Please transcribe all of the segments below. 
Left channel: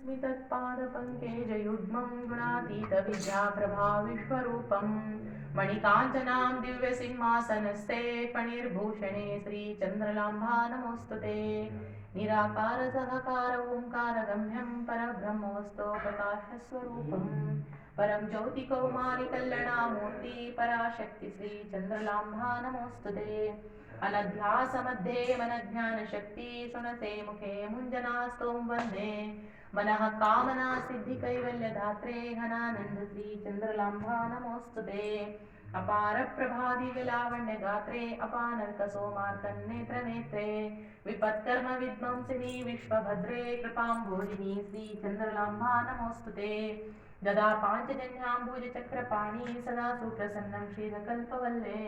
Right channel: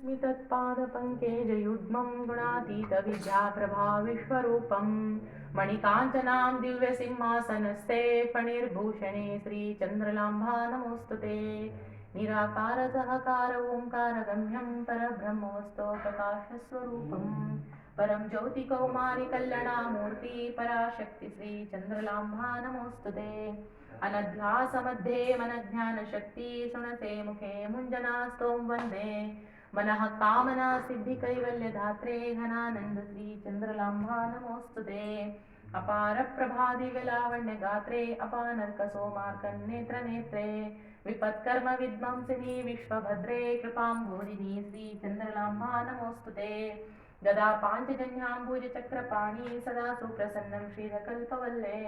स्मितत्पादपङ्केजयुग्मं गुणातीतविद्याप्रभाविश्वरूपं मणिकाञ्चनां दिव्यसिंहासनस्थे फणिर्भूषणे श्रीचन्द्रलाम्भा नमोऽस्तु ते। निराकार सहकार ओङ्कारगम्यं परब्रह्मोऽस्तोप्रकाशस्वरूपं परं ज्योतिकौमारिकल्यणामूर्ति पराशक्ति श्रीचन्द्रलाम्भा नमोऽस्तु ते। अनध्यासमध्ये मनज्ञानशक्ति सुनते मुखे मुञ्जनास्तों वन्दे मनः कामना सिद्धिकैवल्यधात्रे घनानन्द श्रीचन्द्रलाम्भा नमोऽस्तु ते। अपार प्रभादिविलावण्यगात्रे अपानर्कसोमार्कन्नेत्रनेत्रे विपत्कर्म विध्वंसिनी विश्वभद्रे कृपाम्भोजिनी श्रीचन्द्रलाम्भा नमोऽस्तु ते। गदा पाञ्चजन्याम्बुजचक्रपाणि सदा सुप्रसन्नं श्रीधकल्पवल्ले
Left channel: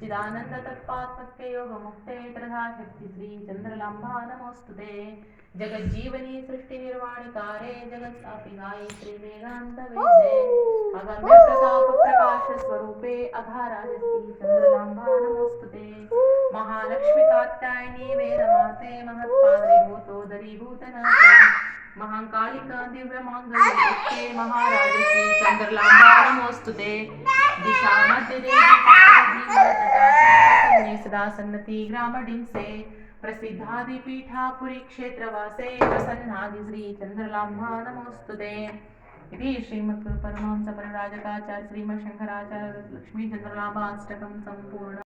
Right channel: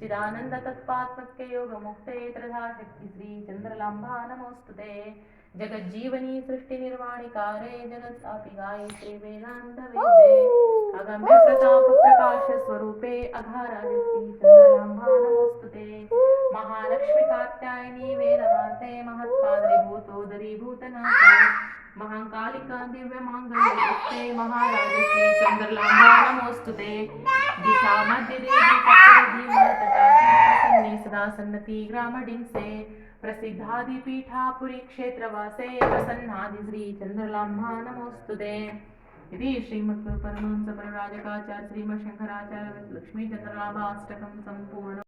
चिदानन्द तत्पात्मके योगमुक्ते त्रिधाशक्ति श्रीचन्द्रलाम्भा नमोऽस्तु ते। जगज्जीवनी सृष्टिनिर्वाणकारे जगत्सापिगाये श्रीवेदान्तवेदे अगम्य प्रताप प्रकाश स्वरूपे अघाराय श्रीचन्द्रलाम्भा नमोऽस्तु ते। महालक्ष्मी कात्यायनी वेदमाते महत्पादरीभूतोदरीभूतनाथे महाकालिका दिव्यमाङ्गल्ये महाराज श्रीचन्द्रलाम्भा नमोऽस्तु ते। दिशा मध्य देवी सदा सन्नति ग्रामडिंसे प्रसिद्धादिपीठापुरी क्षेत्रवासे प्रसन्नादि श्रीचन्द्रलाम्भा नमोऽस्तु ते। इति श्रीमद्गुरुपरमहंस परिव्राजकाचार्य श्रीमच्छंकराचार्य लक्ष्मीचन्द्रलाम्भा अष्टकं सम्पूर्ण।